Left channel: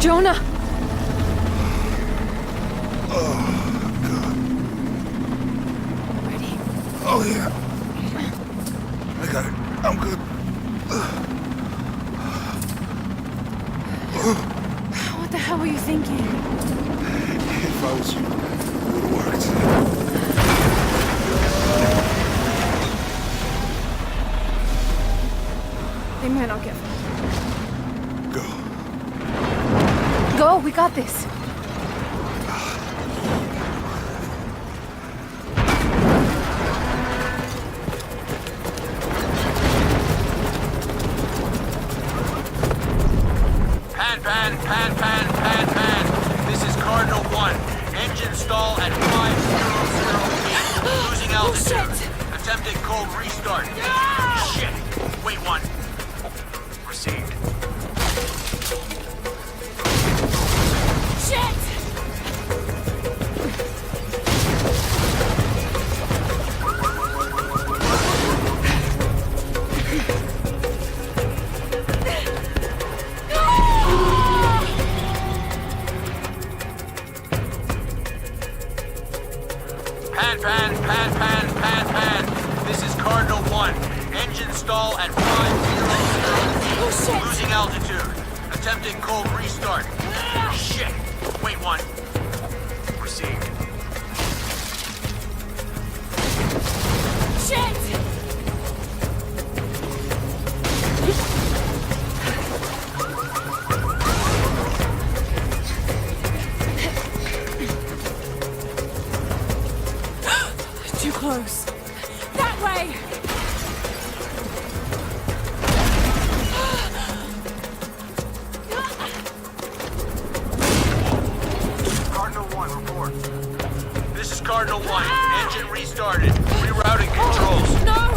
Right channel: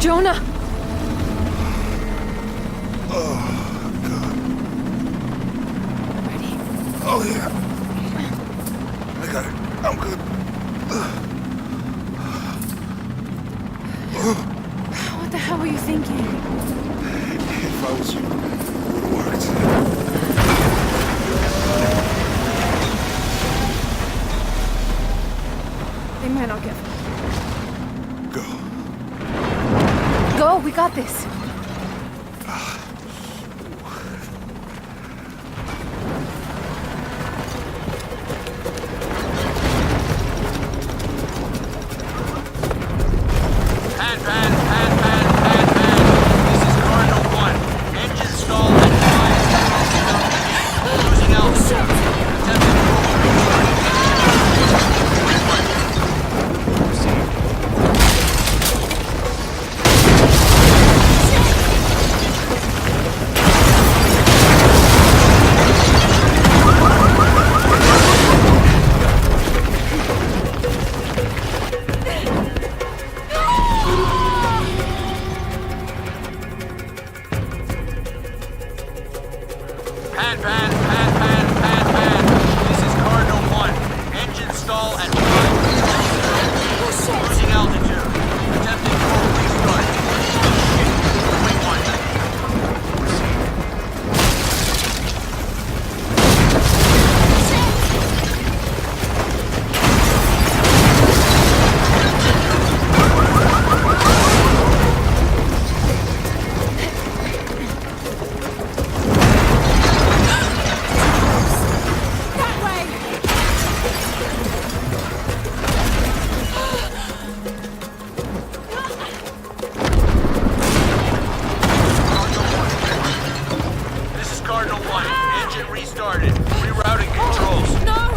Jonah! Oh, God. Ready? Oh, yeah. I got it. I'm good. What the hell were you thinking? If I was you, it would have worked. They might not get far. Go. Go, we got this. Pan. This is Cardinal 1. Engine stall at 5008. Losing altitude. Attempted cold restart. Shit. Wait one. Received. Pan. This is Cardinal 1. Engine stall at 500. Losing altitude. Attempted cold restart. Shit. Wait one. Received. Cardinal 1, engine restarted. Rerouting controls. No!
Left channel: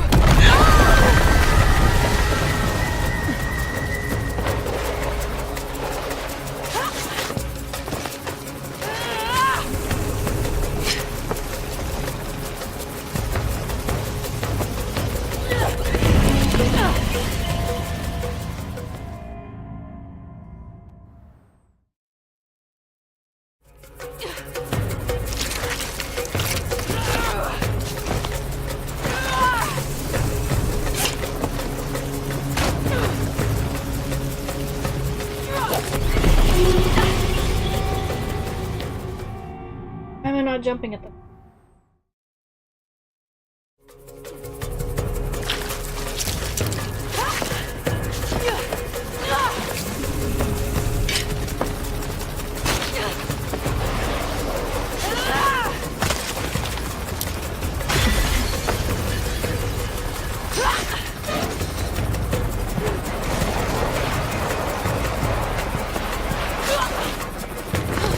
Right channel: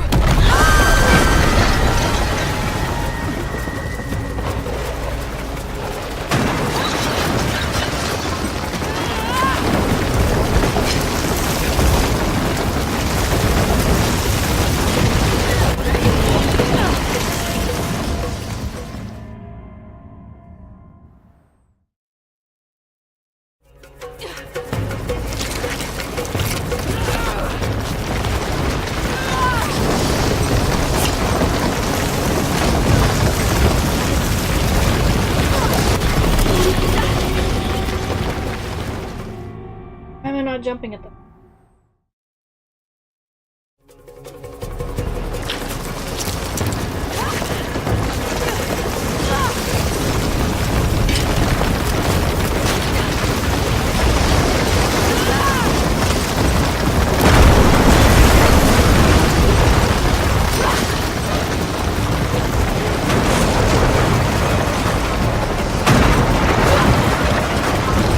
Why am I not jumping at them?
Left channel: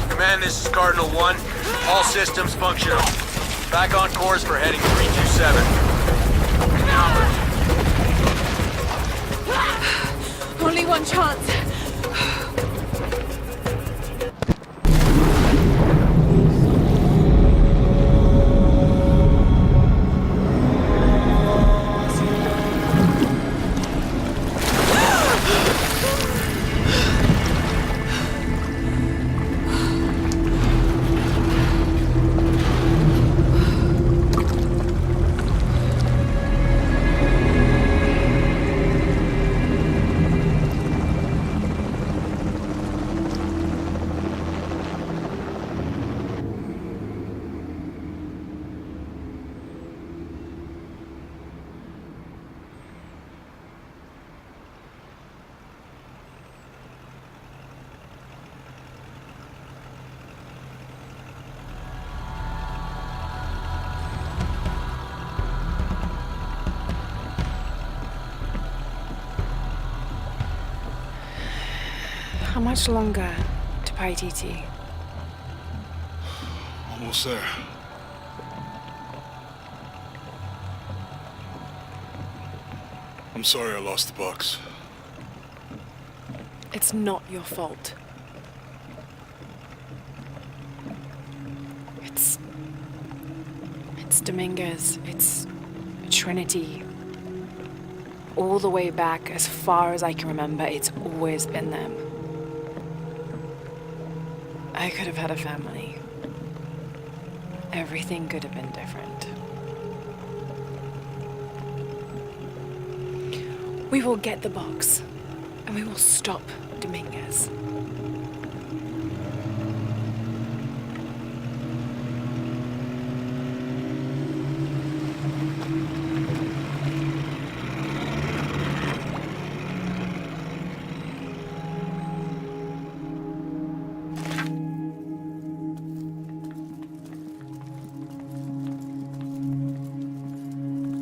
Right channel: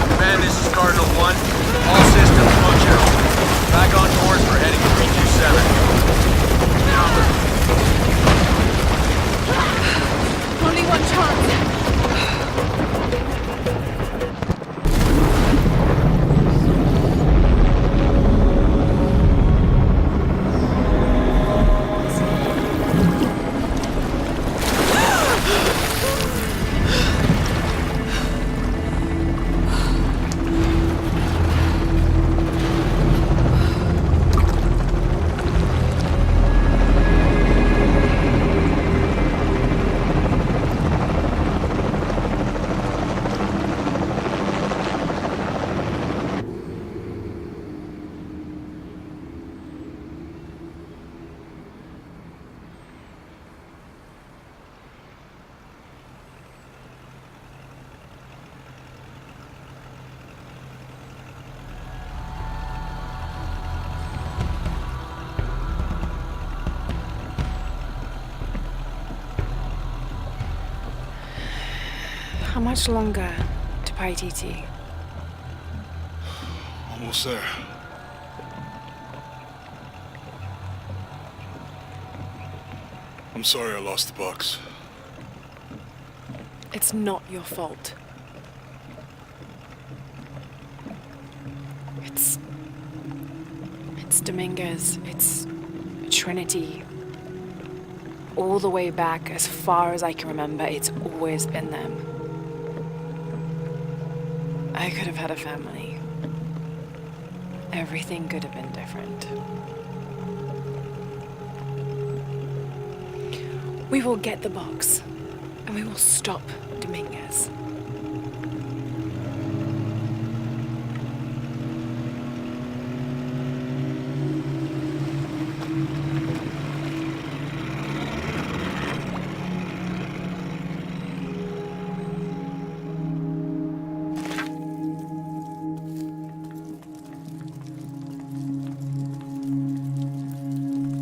Command, this is Cardinal 1. All systems functional. Back on course for heading 327. Only one chance. How much longer to Paititi? Almost there. I'm sorry I lost the box. It's not your fault. It's Dominguez. It's Trinity. All the way back, as far as I can remember, it's always been them. I could have had a family. Everything could have been different. We will get the box, and we will stop Dominguez.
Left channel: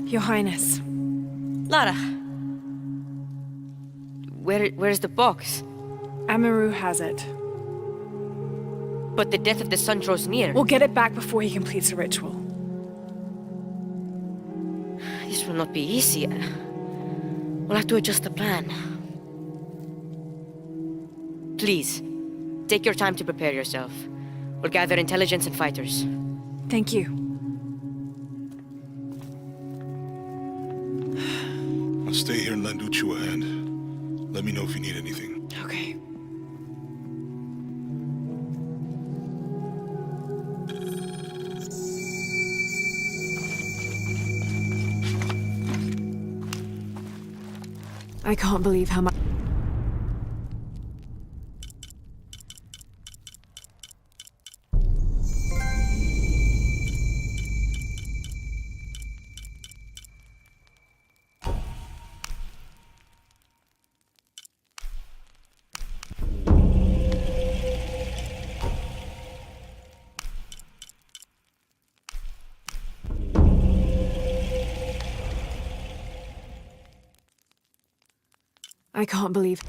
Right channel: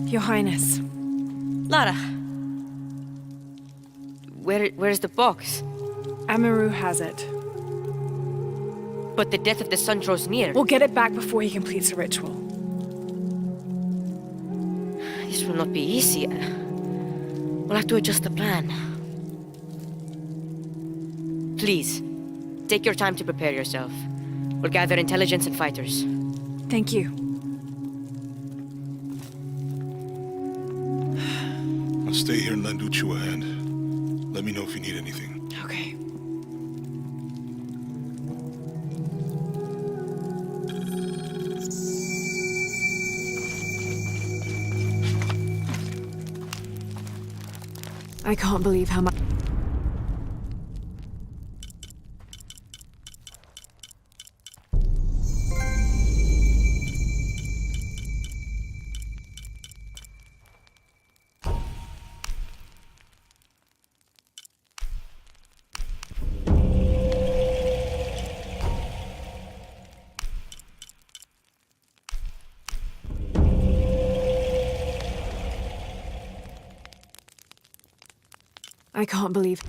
Your Highness. Lara. Where's the box? Amaru has it. But the death of the sun draws near. We'll get it back before he completes the ritual. This will not be easy. We'll have to adjust the plan. Please, take your time to prepare yourself. We'll gather intelligence and fighters. Thank you. I'll stay here and lend Uchu a hand. Let me know if you need anything. Okay. I can't believe how much... I can't believe...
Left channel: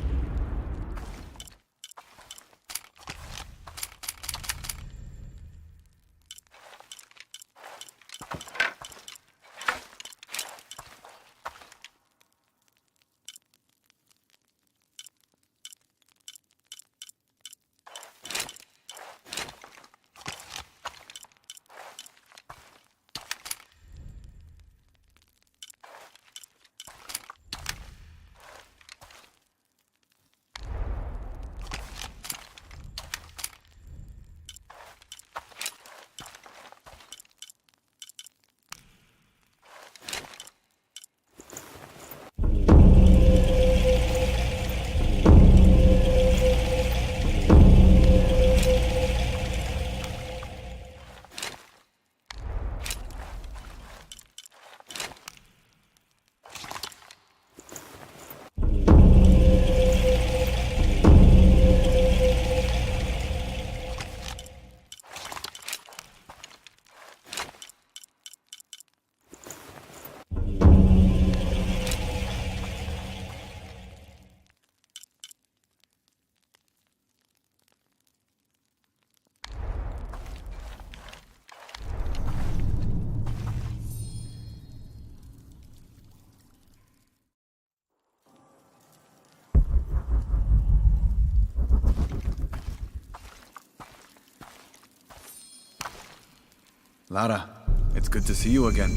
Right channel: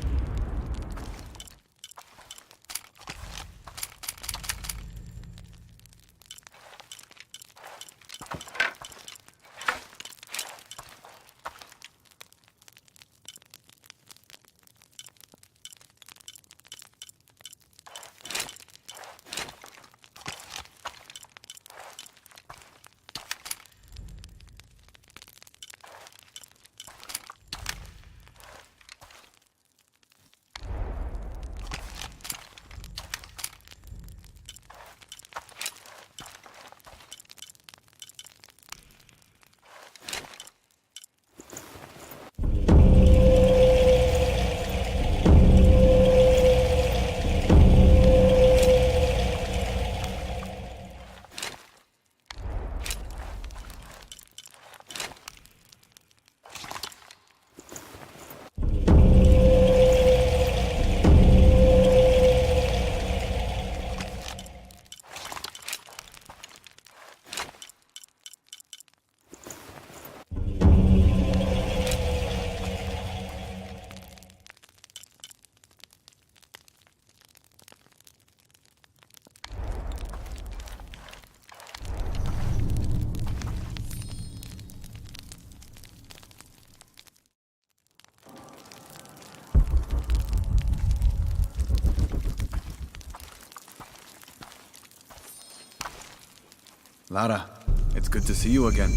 Lara, it's good to see you again.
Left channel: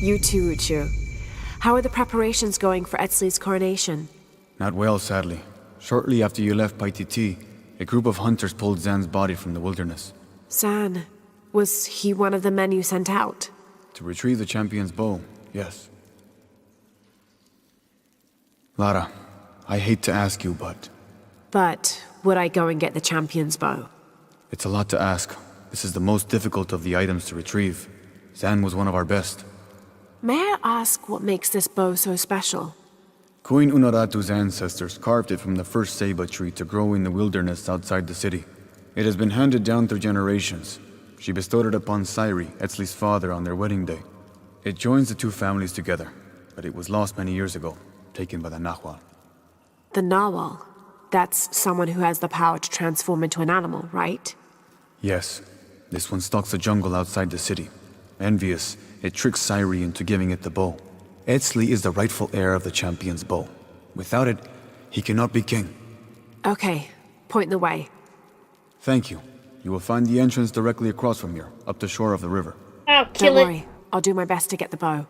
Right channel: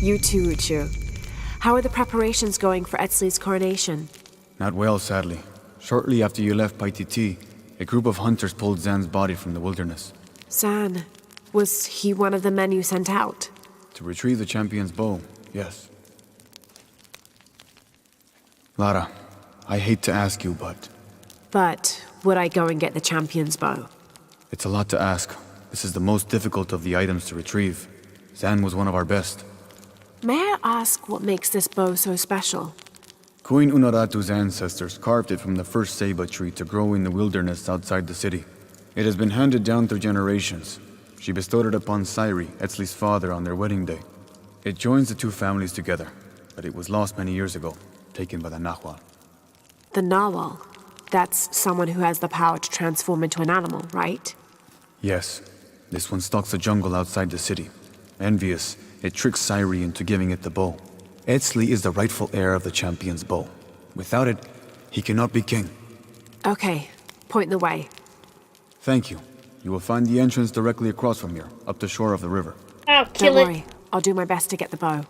You too, Uchu. How are the preparations going for Etzli's coronation? Not well, sadly. Shortly after you left Paititi, a group of hunters pulled Zan's body from the wilderness. Zan, was he one of the men you sent out? To retrieve the champion's bow, yes. Lara, I hate to ask you, but... But would I go and get the champion's bow? It's a lot to ask. This is the most difficult of the items to retrieve. Zan was one of our best. May I ask what makes this bow so special? Queen Unaratu's ancestors carved it from the first ceiba tree to grow in the wilderness outside the city. It has been handed down through generations. She bestowed it upon Sairi, Etzli's father, on their wedding day. It joins the two families together, but it was lost many years ago, taken by the Nahual. The Nawal. That's someone who has the power to transform into an animal, right? Yes. This one stalks the jungle outside the city. Envious, it tricks Sairi into giving it the bow. Etzli is the rightful heir of the champion's bow. Without it, he cannot be king. Okay, point the way. Thank you. You will find the entrance directly across from here, up the shore of the river. I'll kill Don't it. worry, I'll do my best to get the bow.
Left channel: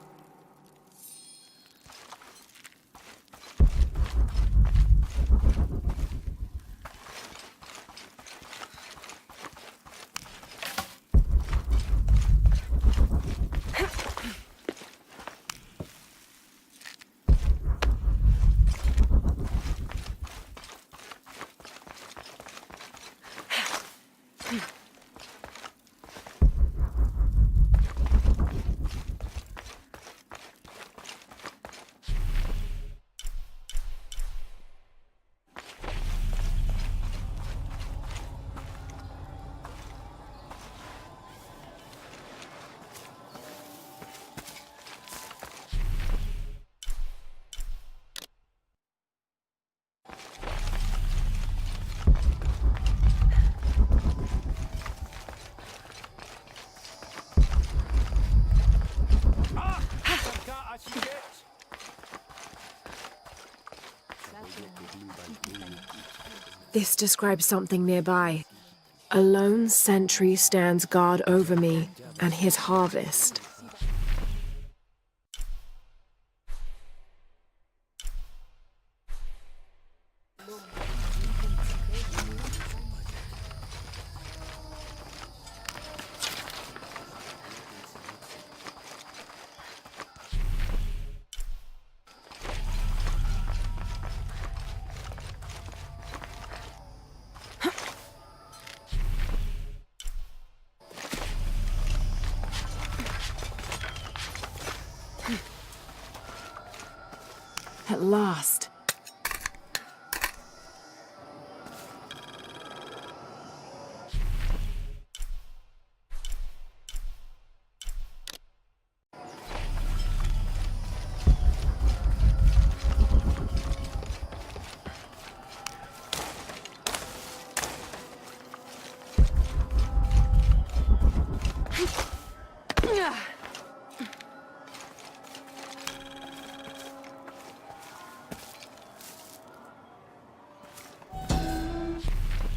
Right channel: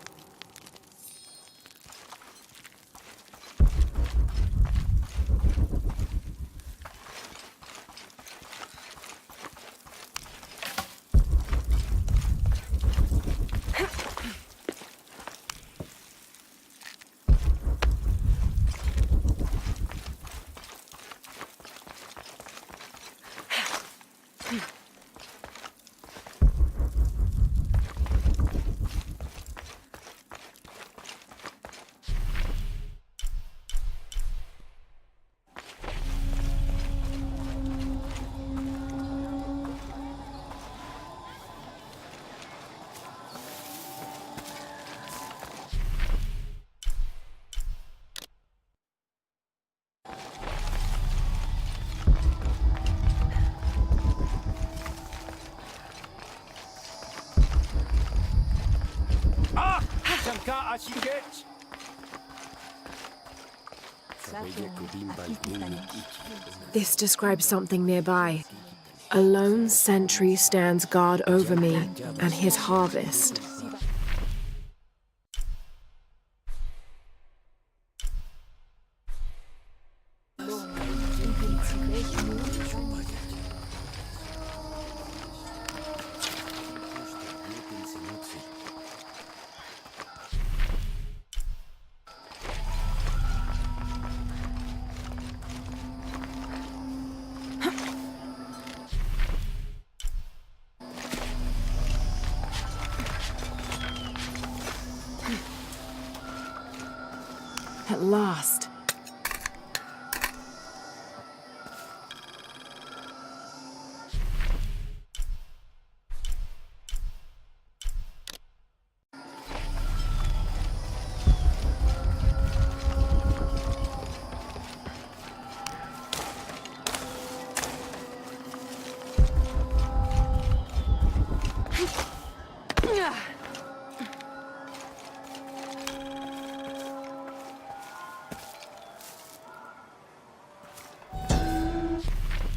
This describes something nearby. A lone sentry stands guard over me and his harvest. At last.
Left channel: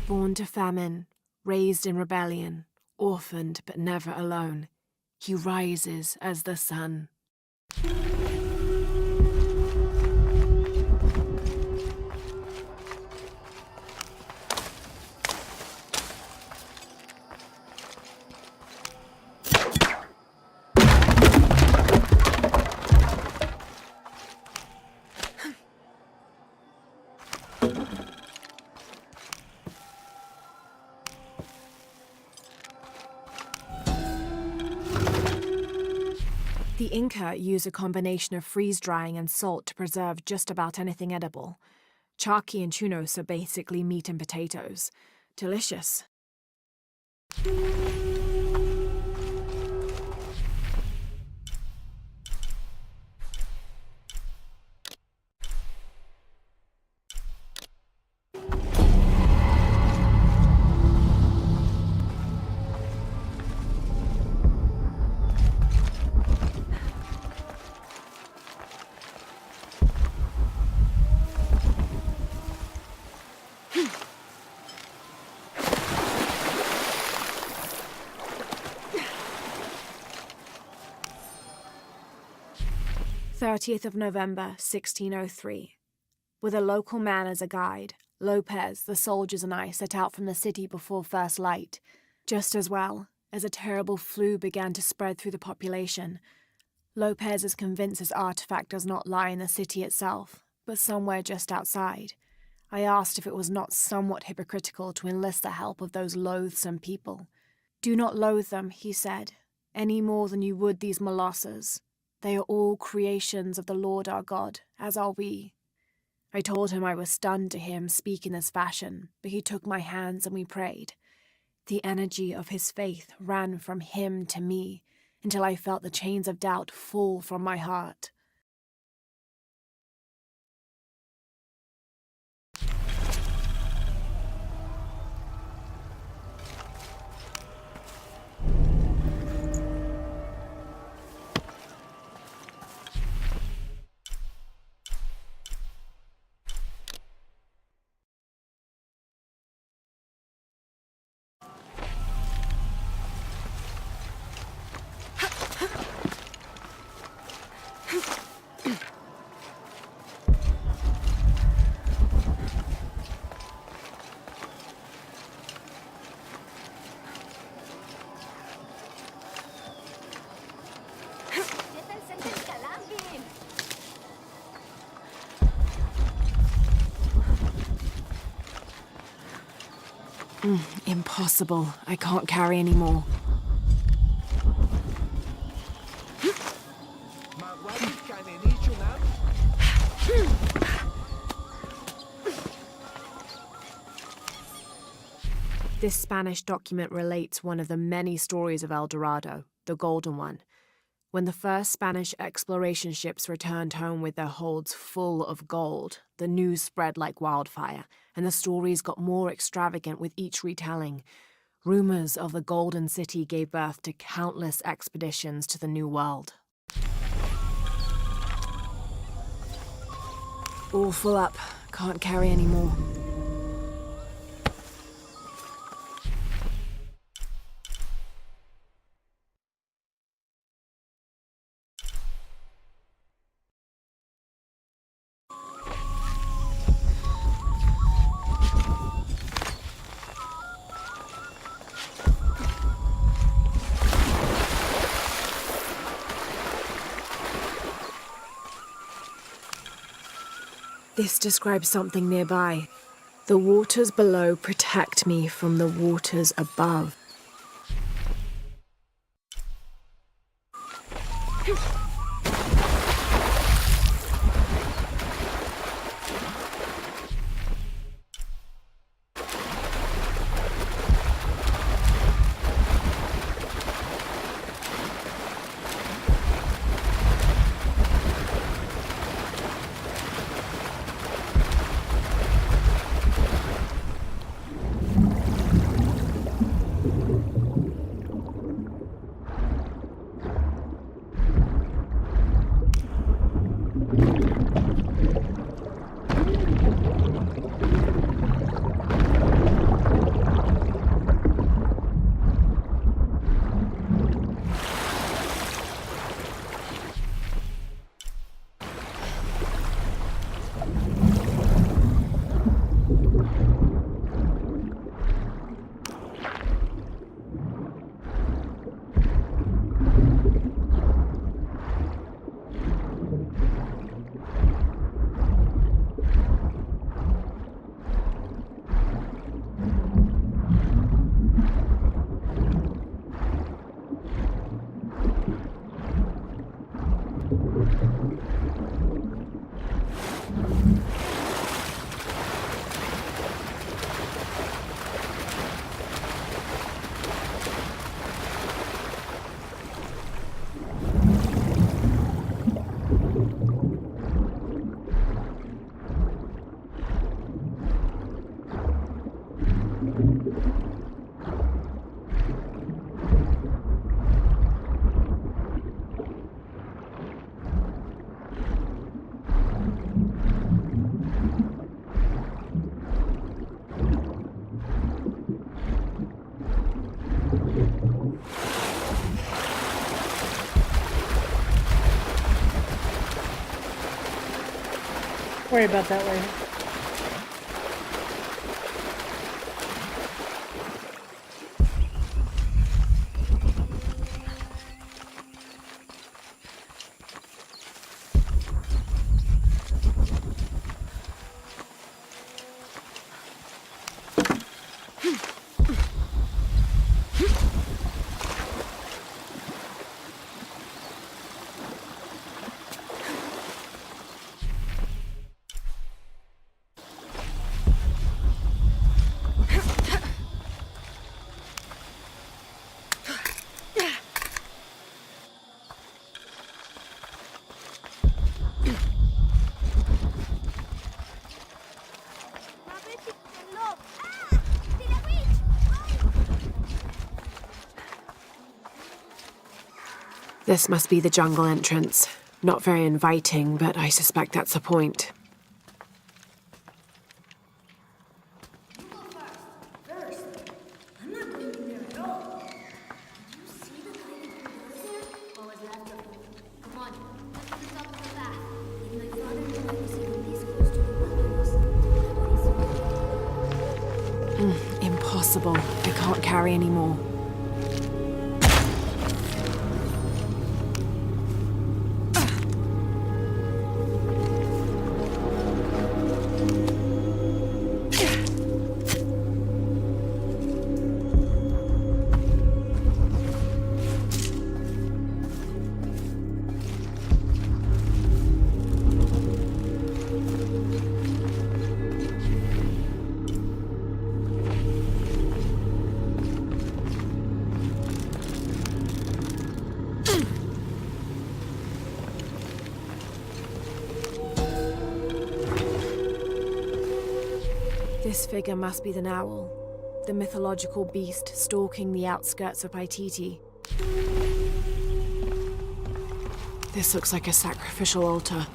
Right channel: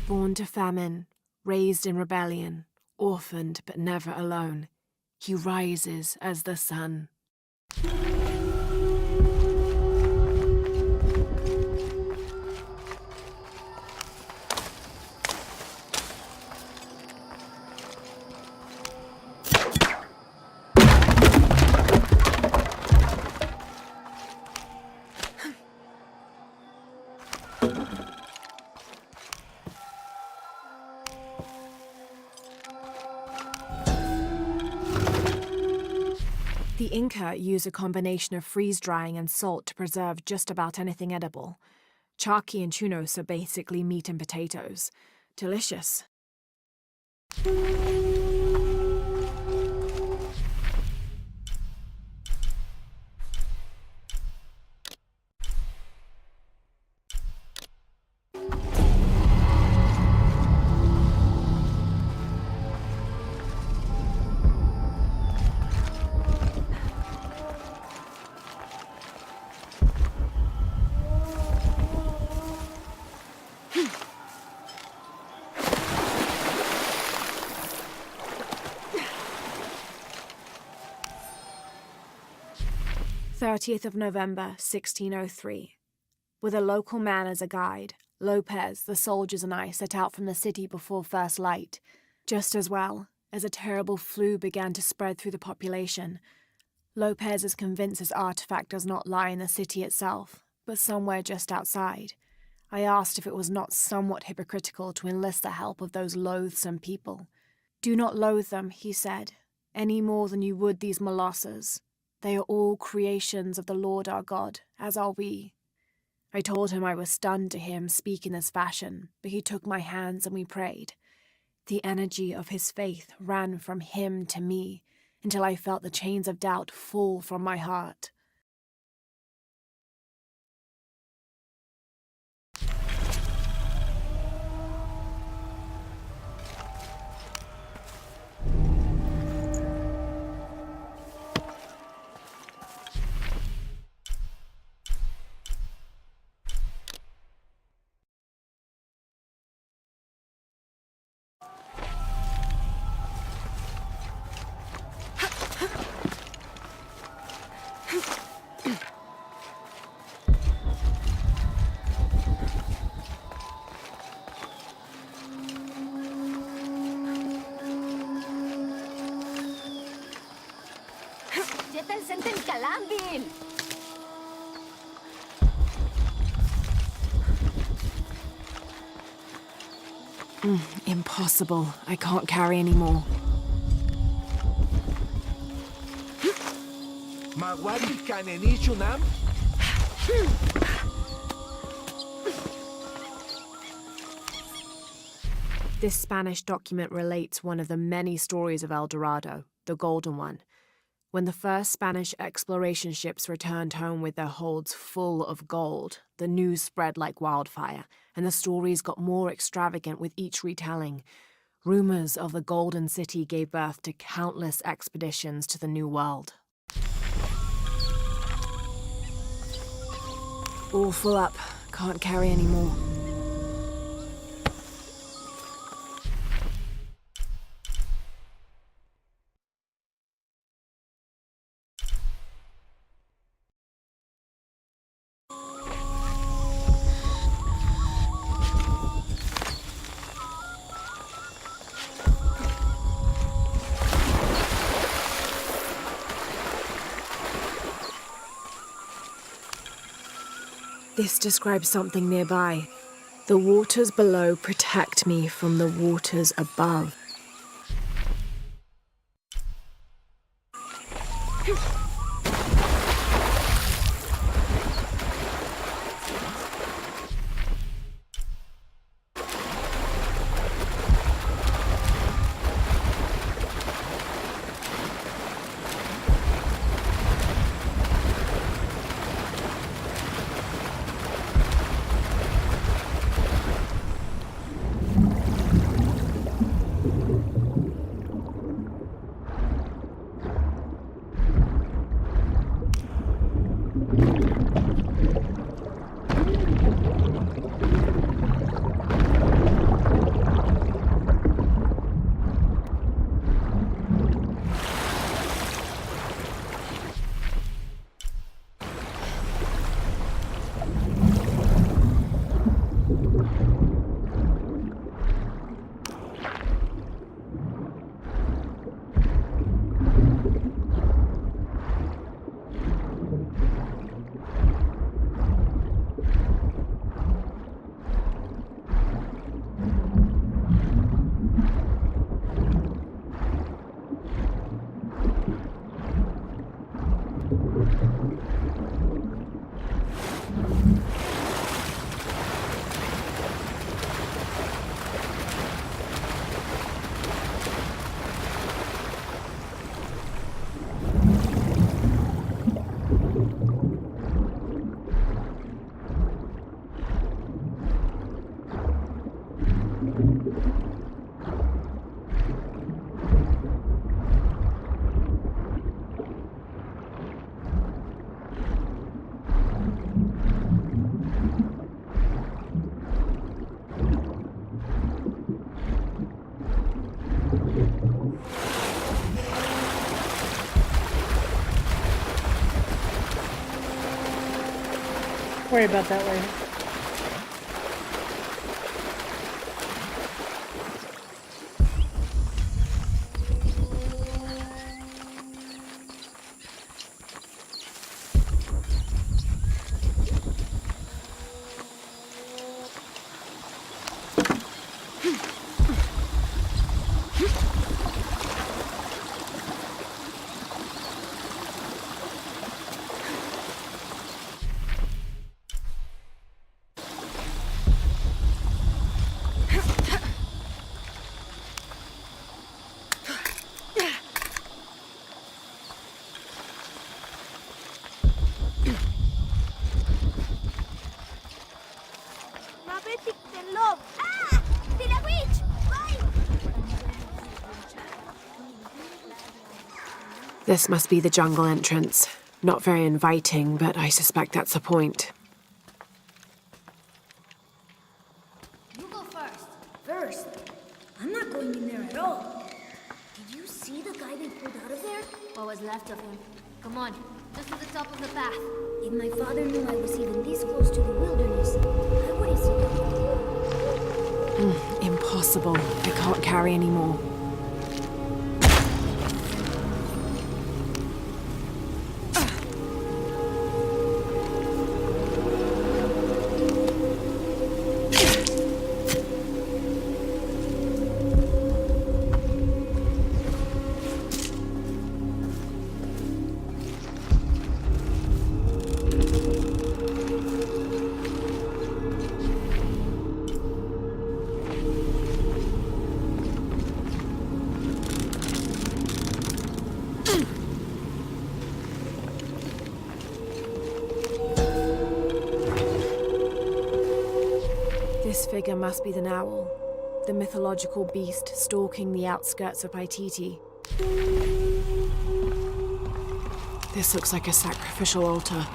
Born to famine, raised in rebellion, orphaned but never alone, he rises as the sun. The Inca use a combination of freeze-drying and salt to preserve just about anything edible. Charqui and chunos are basically meat and potatoes. Delicious. November 1603. With a local man as a guide, Lopez, the soldiers, and I set out from the city before first light. Just as well, as a terrible flu began to spread through the population. Lopez is convinced his artifact does not lie in the city itself, but somewhere just outside. I asked if it was not somewhat hypocritical to enlist the help of those loathsome people. Do not loathe them, he said, any more than you would these molosses. They are all creations of the Lord our God, as are we. I told him I was stunned to hear him speak in this fashion, but he took my hands and we prayed. The energy of his faith ran from him to me, until I felt the chains of doubt fall from my heart. Impossible. I can't carry anymore. This Spanish document relates one of the many stories of El Dorado, the Golden One. When the first Spanish exploration ships returned home with their holds full of gold, the news spread like wildfire, and the stories got more extravagant with each retelling. Rumors of the Golden City gave birth to countless expeditions to the New World. All full up. Can't carry any more. This describes something nearby. The waters below protect me from the waters above. Worry about that later. This must be the jungle entrance. Not very inviting, but I suspect that's the point. You go first. First? I'm not going in there at all. Did you see the guy they pulled out of there? What was left of him? Come on, just to the top of the path. If my father knew I was even this close to the wilderness, I would have seen it. Impossible. I can't carry any more. This figure must be the Owl, the mythological beast stalking the outskirts of Paititi. This looks like a sacrificial altar.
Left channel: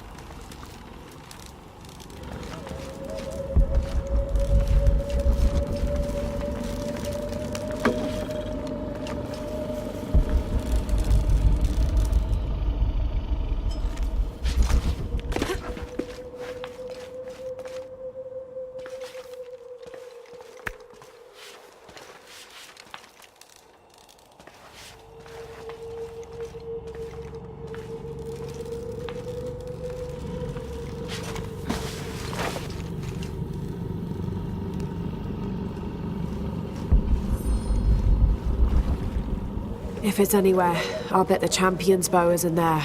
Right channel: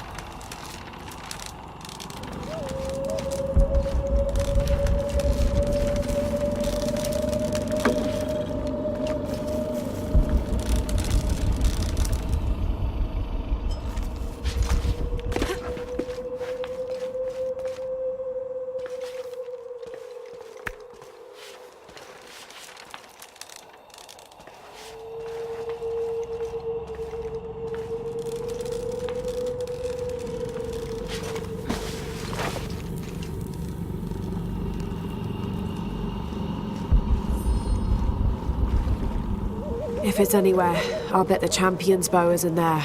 If it's anywhere, I'll bet the champion's bow is in there.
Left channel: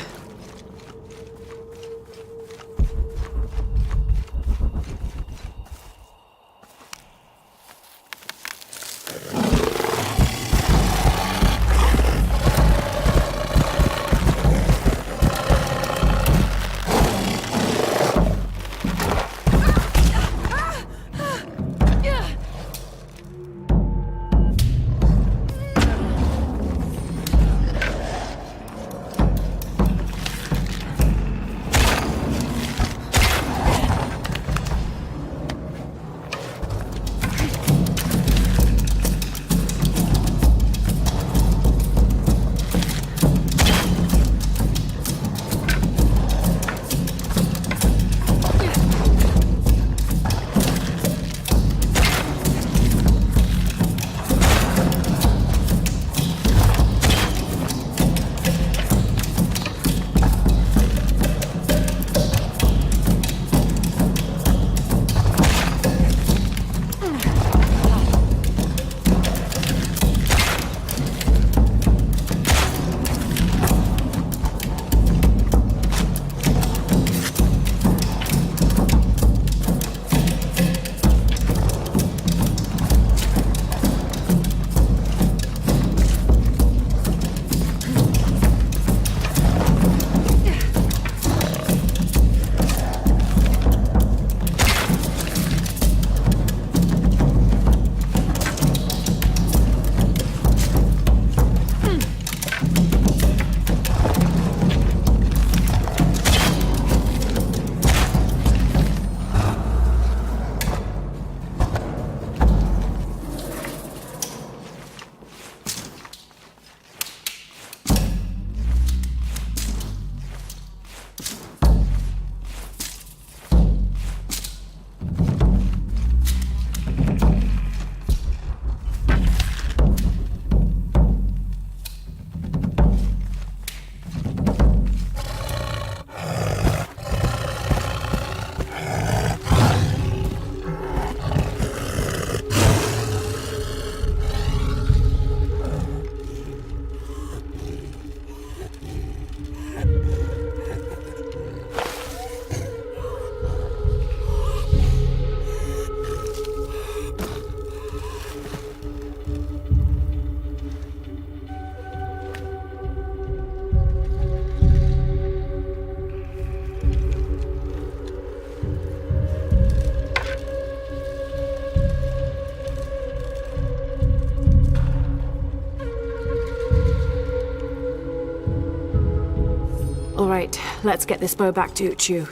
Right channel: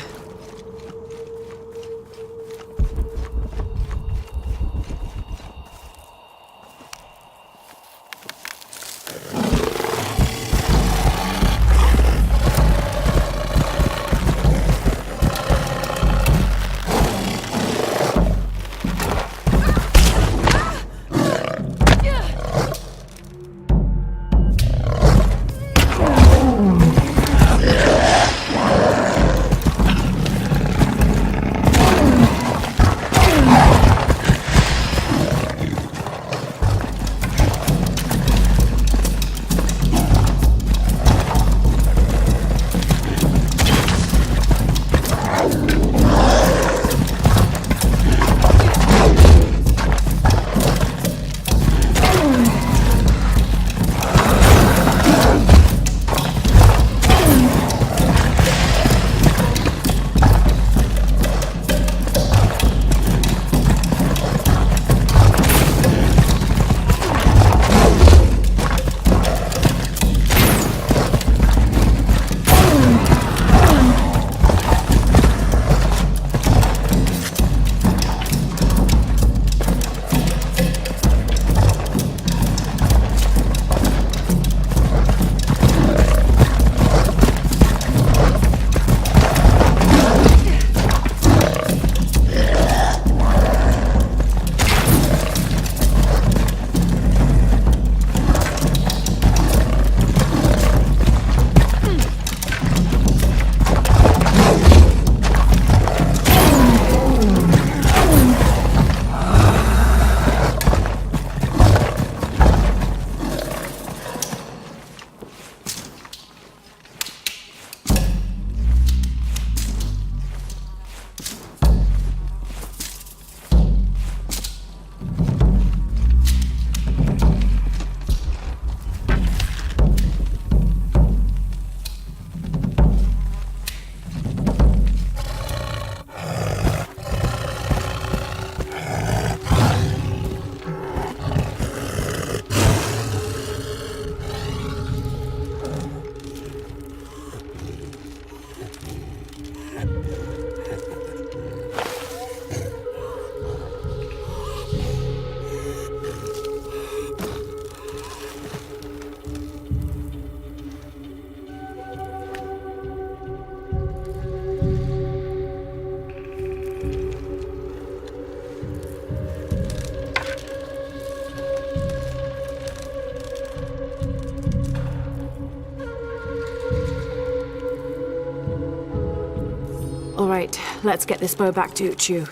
All right, let's get this bow back to Uchu.